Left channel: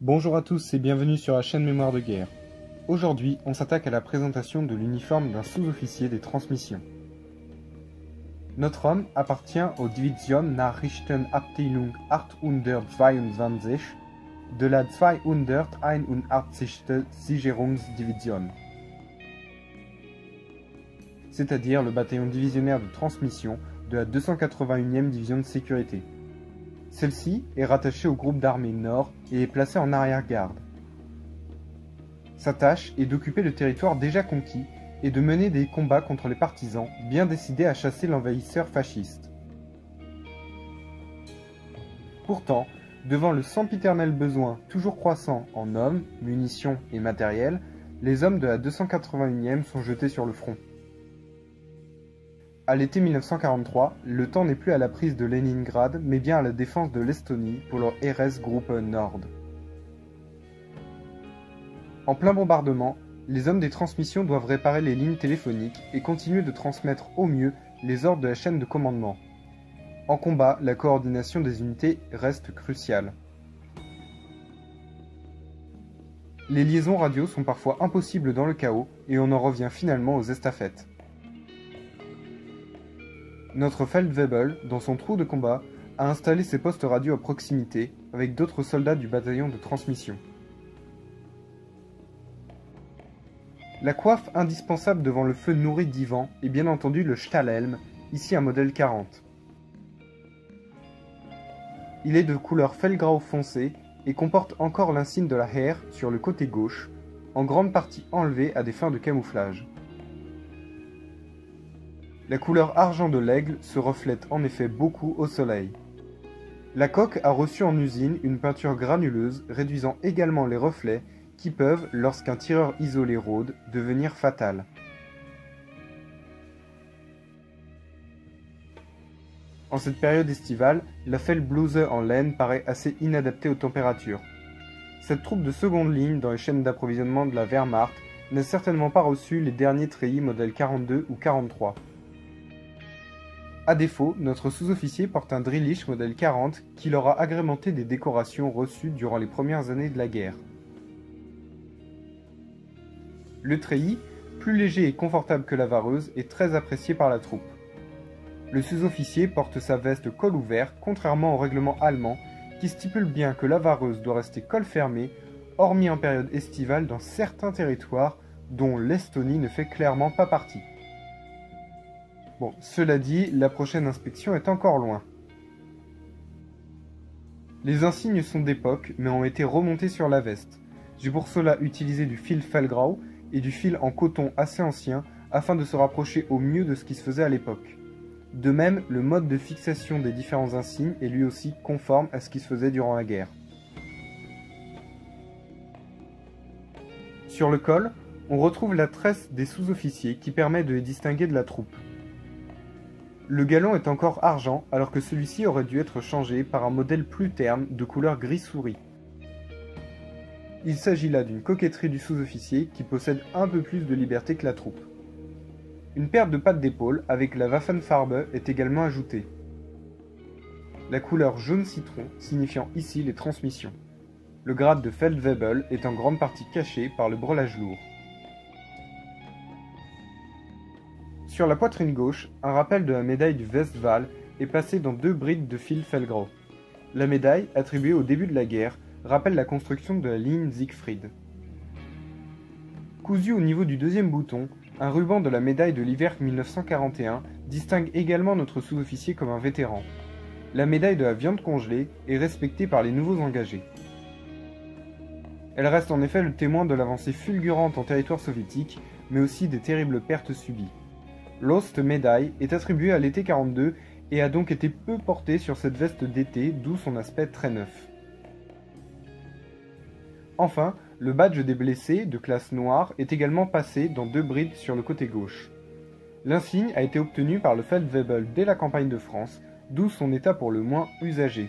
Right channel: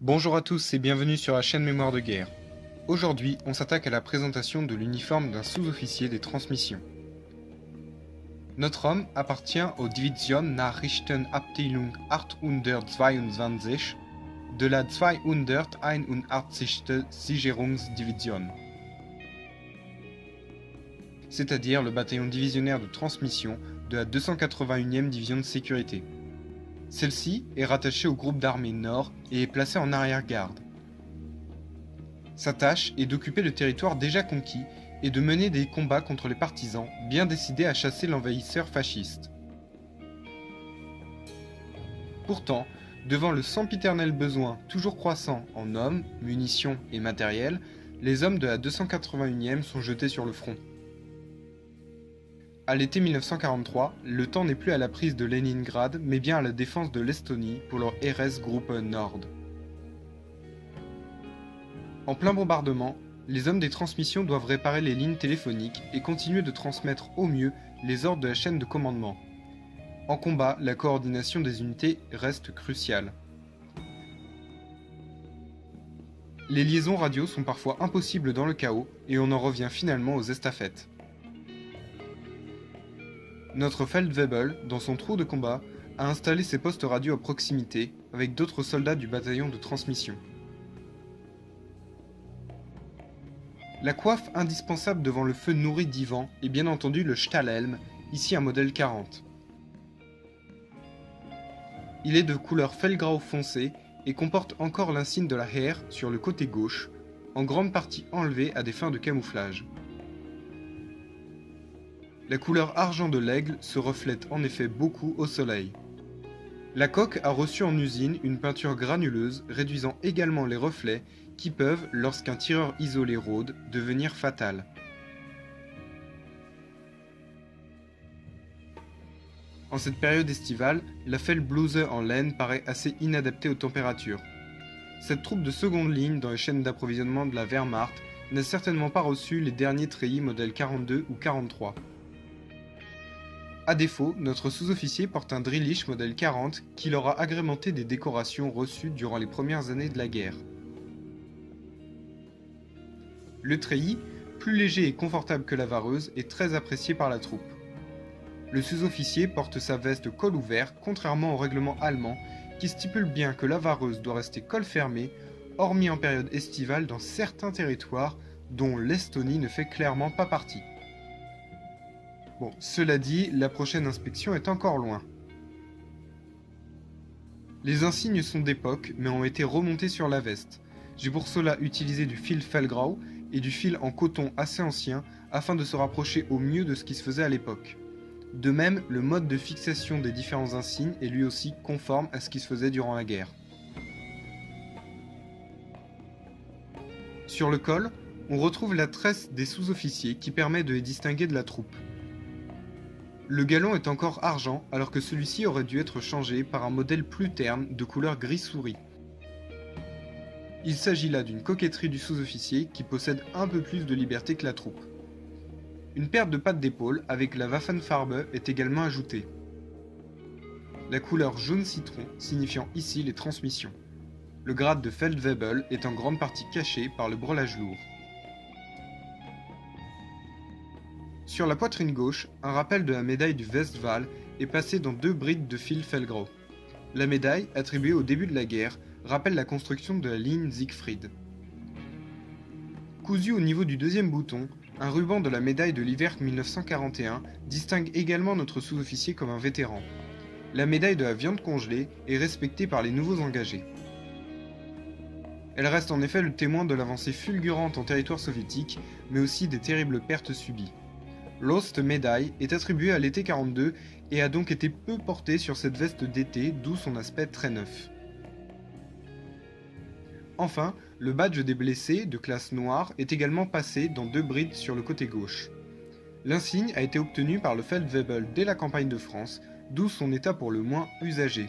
Bonjour à tous et bienvenue sur la chaîne Mémoire de guerre. Aujourd'hui, on s'attaque à la présentation de l'uniforme d'un sous-officier des transmissions. Notre homme appartient aux Division Nachrichtenabteilung 822 de la 281. Sicherungsdivision, c'est-à-dire le bataillon divisionnaire de transmission de la 281e division de sécurité. Celle-ci est rattachée au groupe d'armées Nord et est placée en arrière-garde. Sa tâche est d'occuper le territoire déjà conquis et de mener des combats contre les partisans bien décidés à chasser l'envahisseur fasciste. Pourtant, devant le sempiternel besoin toujours croissant en hommes, munitions et matériel, les hommes de la 281e sont jetés sur le front. À l'été 1943, le temps n'est plus à la prise de Leningrad, mais bien à la défense de l'Estonie pour leur RS-Gruppe Nord. En plein bombardement, les hommes des transmissions doivent réparer les lignes téléphoniques et continuer de transmettre au mieux les ordres de la chaîne de commandement. En combat, la coordination des unités reste cruciale. Les liaisons radio sont parfois impossibles dans le chaos et on en revient finalement aux estafettes. Notre Feldwebel, dans son trou de combat, a installé ses postes radio à proximité avec d'autres soldats du bataillon de transmission. La coiffe indispensable devant le feu nourri d'Ivan est bien entendu le Stahlhelm, ici un modèle 40. Il est de couleur Feldgrau foncé et comporte encore l'insigne de la Heer sur le côté gauche, en grande partie enlevé à des fins de camouflage. La couleur argent de l'aigle se reflète en effet beaucoup au soleil. La coque a reçu en usine une peinture granuleuse réduisant également les reflets qui peuvent, lorsqu'un tireur isolé rôde, devenir fatals. En cette période estivale, la Feldbluse en laine paraît assez inadaptée aux températures. Cette troupe de seconde ligne dans les chaînes d'approvisionnement de la Wehrmacht n'a certainement pas reçu les derniers treillis modèle 42 ou 43. A défaut, notre sous-officier porte un Drillich modèle 40 qui leur a agrémenté des décorations reçues durant les premières années de la guerre. Le treillis, plus léger et confortable que la vareuse, est très apprécié par la troupe. Le sous-officier porte sa veste col ouvert, contrairement au règlement allemand qui stipule bien que la vareuse doit rester col fermé, hormis en période estivale dans certains territoires dont l'Estonie ne fait clairement pas partie. Bon, cela dit, la prochaine inspection est encore loin. Les insignes sont d'époque, mais ont été remontés sur la veste. J'ai pour cela utilisé du fil Feldgrau et du fil en coton assez ancien, afin de se rapprocher au mieux de ce qui se faisait à l'époque. De même, le mode de fixation des différents insignes est lui aussi conforme à ce qui se faisait durant la guerre. Sur le col, on retrouve la tresse des sous-officiers qui permet de les distinguer de la troupe. Le galon est encore argent alors que celui-ci aurait dû être changé par un modèle plus terne de couleur gris souris. Il s'agit là d'une coquetterie du sous-officier qui possède un peu plus de liberté que la troupe. Une paire de pattes d'épaule avec la Waffenfarbe est également ajoutée. La couleur jaune citron signifiant ici les transmissions. Le grade de Feldwebel est en grande partie caché par le brelage lourd. Sur la poitrine gauche, un rappel de la médaille du Westwall est passé dans 2 brides de fil Feldgrau. La médaille, attribuée au début de la guerre, rappelle la construction de la ligne Siegfried. Cousu au niveau du deuxième bouton, un ruban de la médaille de l'hiver 1941 distingue également notre sous-officier comme un vétéran. La médaille de la viande congelée est respectée par les nouveaux engagés. Elle reste en effet le témoin de l'avancée fulgurante en territoire soviétique, mais aussi des terribles pertes subies. L'Ost médaille est attribuée à l'été 42 et a donc été peu portée sur cette veste d'été, d'où son aspect très neuf. Enfin, le badge des blessés, de classe noire, est également passé dans 2 brides sur le côté gauche. L'insigne a été obtenu par le Feldwebel dès la campagne de France, d'où son état pour le moins usagé.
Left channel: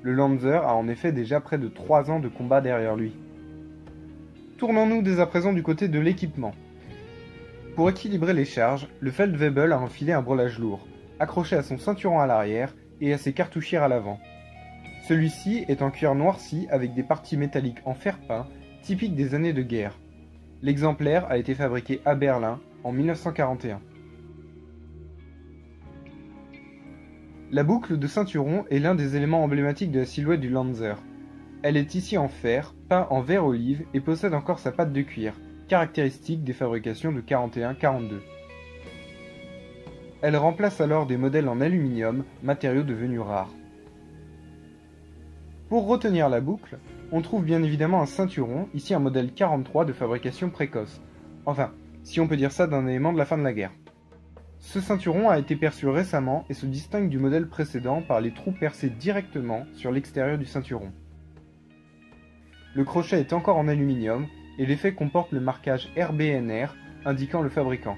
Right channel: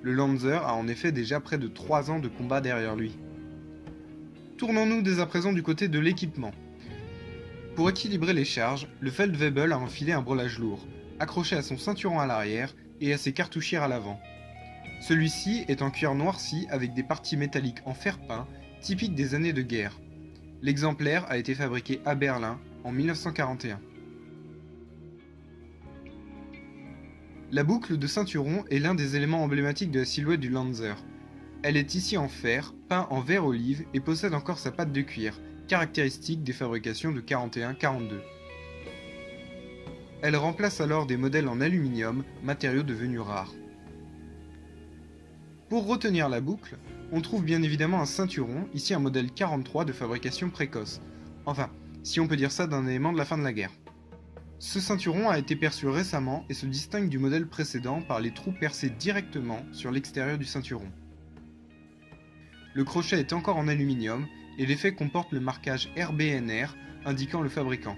Le Lanzer a en effet déjà près de 3 ans de combat derrière lui. Tournons-nous dès à présent du côté de l'équipement. Pour équilibrer les charges, le Feldwebel a enfilé un brelage lourd, accroché à son ceinturon à l'arrière et à ses cartouchières à l'avant. Celui-ci est en cuir noirci avec des parties métalliques en fer peint, typiques des années de guerre. L'exemplaire a été fabriqué à Berlin en 1941. La boucle de ceinturon est l'un des éléments emblématiques de la silhouette du Lanzer. Elle est ici en fer, peint en vert olive et possède encore sa patte de cuir, caractéristique des fabrications de 41-42. Elle remplace alors des modèles en aluminium, matériau devenu rare. Pour retenir la boucle, on trouve bien évidemment un ceinturon, ici un modèle 43 de fabrication précoce. Enfin, si on peut dire ça d'un élément de la fin de la guerre. Ce ceinturon a été perçu récemment et se distingue du modèle précédent par les trous percés directement sur l'extérieur du ceinturon. Le crochet est encore en aluminium et l'effet comporte le marquage RBNR indiquant le fabricant.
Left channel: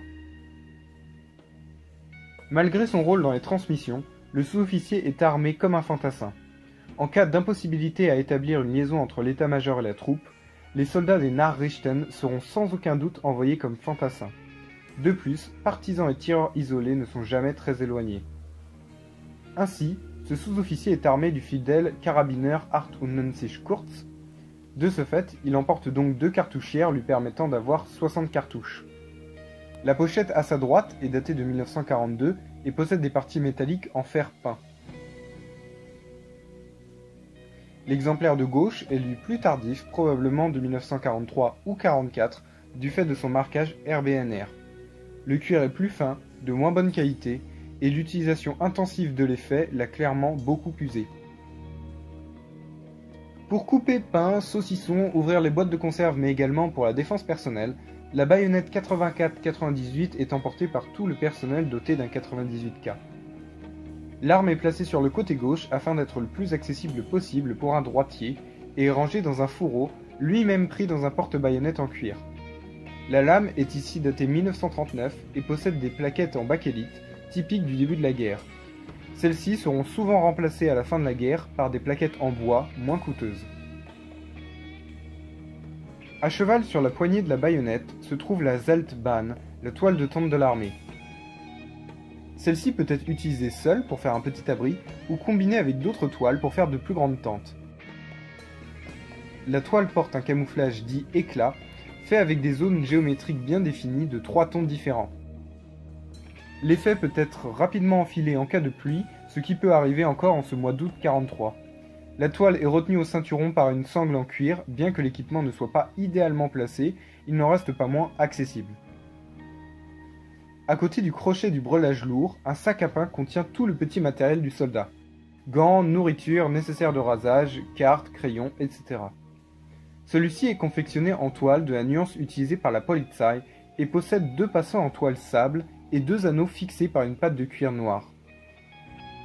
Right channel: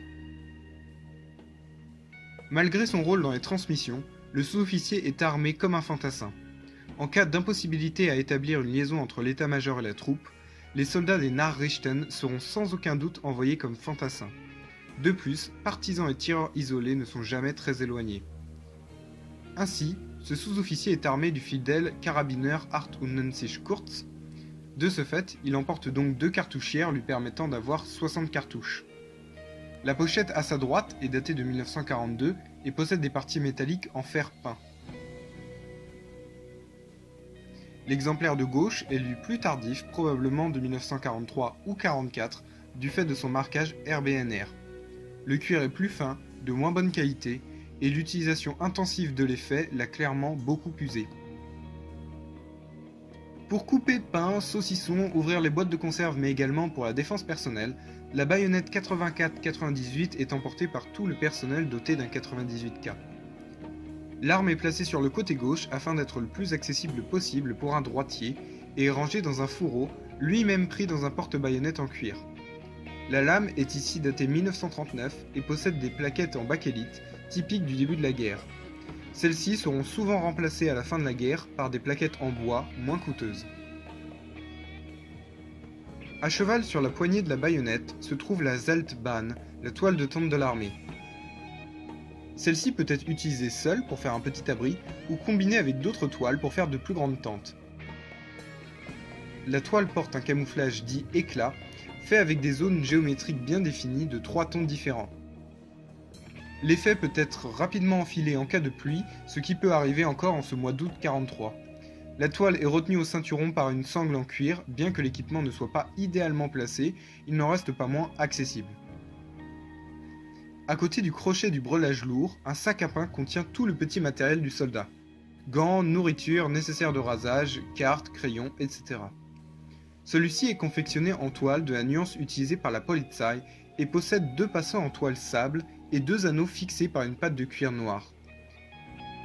Malgré son rôle dans les transmissions, le sous-officier est armé comme un fantassin. En cas d'impossibilité à établir une liaison entre l'état-major et la troupe, les soldats des Nachrichten seront sans aucun doute envoyés comme fantassins. De plus, partisans et tireurs isolés ne sont jamais très éloignés. Ainsi, ce sous-officier est armé du fidèle Karabiner 98 Kurz. De ce fait, il emporte donc 2 cartouchières lui permettant d'avoir 60 cartouches. La pochette à sa droite est datée de 1942 et possède des parties métalliques en fer peint. L'exemplaire de gauche est lui plus tardif, probablement de 1943 ou 44, du fait de son marquage RBNR. Le cuir est plus fin, de moins bonne qualité, et l'utilisation intensive de l'effet l'a clairement beaucoup usé. Pour couper pain, saucisson, ouvrir les boîtes de conserve mais également pour la défense personnelle, la baïonnette 84-98 est emportée par tout le personnel doté d'un 98K. L'arme est placée sur le côté gauche afin d'être le plus accessible possible pour un droitier et est rangée dans un fourreau, lui-même pris dans un porte-baïonnette en cuir. La lame est ici datée 1939 et possède des plaquettes en bakélite, typiques du début de la guerre. Celles-ci seront souvent remplacées à la fin de la guerre par des plaquettes en bois moins coûteuses. À cheval sur la poignée de la baïonnette se trouve la Zeltbahn, la toile de tente de l'armée. Celle-ci peut être utilisée seule pour faire un petit abri ou combinée avec d'autres toiles pour faire de plus grandes tentes. La toile porte un camouflage dit éclat, fait avec des zones géométriques bien définies de 3 tons différents. L'effet peut être rapidement enfilé en cas de pluie, ce qui peut arriver encore en ce mois d'août 43. La toile est retenue au ceinturon par une sangle en cuir, bien que l'équipement ne soit pas idéalement placé, il n'en reste pas moins accessible. À côté du crochet du breulage lourd, un sac à pain contient tout le petit matériel du soldat. Gants, nourriture, nécessaires de rasage, cartes, crayons, etc. Celui-ci est confectionné en toile de la nuance utilisée par la Polizei et possède 2 passants en toile sable et 2 anneaux fixés par une patte de cuir noir.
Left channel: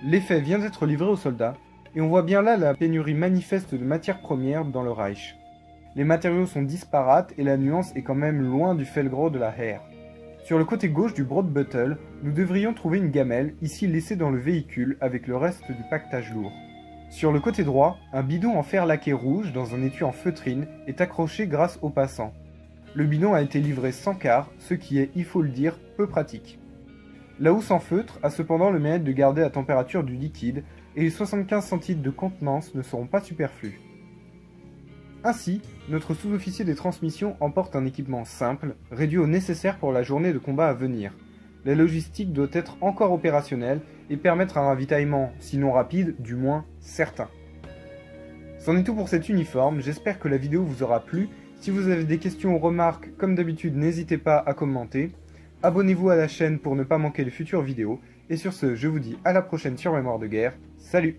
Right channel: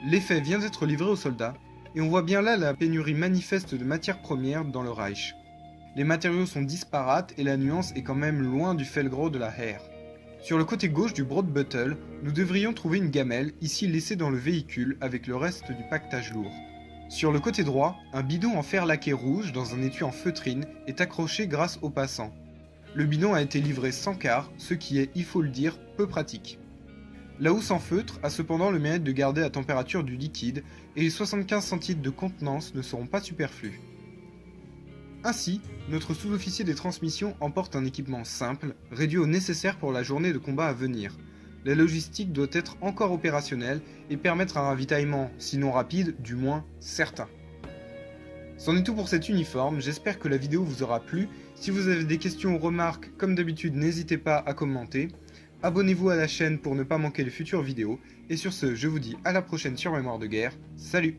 L'effet vient d'être livré aux soldats, et on voit bien là la pénurie manifeste de matières premières dans le Reich. Les matériaux sont disparates et la nuance est quand même loin du Felgro de la Heer. Sur le côté gauche du Brotbeutel, nous devrions trouver une gamelle, ici laissée dans le véhicule avec le reste du pactage lourd. Sur le côté droit, un bidon en fer laqué rouge dans un étui en feutrine est accroché grâce aux passants. Le bidon a été livré sans quart, ce qui est, il faut le dire, peu pratique. La housse en feutre a cependant le mérite de garder la température du liquide et les 75 centilitres de contenance ne seront pas superflus. Ainsi, notre sous-officier des transmissions emporte un équipement simple, réduit au nécessaire pour la journée de combat à venir. La logistique doit être encore opérationnelle et permettre un ravitaillement, sinon rapide, du moins certain. C'en est tout pour cet uniforme, j'espère que la vidéo vous aura plu. Si vous avez des questions ou remarques, comme d'habitude, n'hésitez pas à commenter. Abonnez-vous à la chaîne pour ne pas manquer les futures vidéos. Et sur ce, je vous dis à la prochaine sur Mémoire de Guerre. Salut!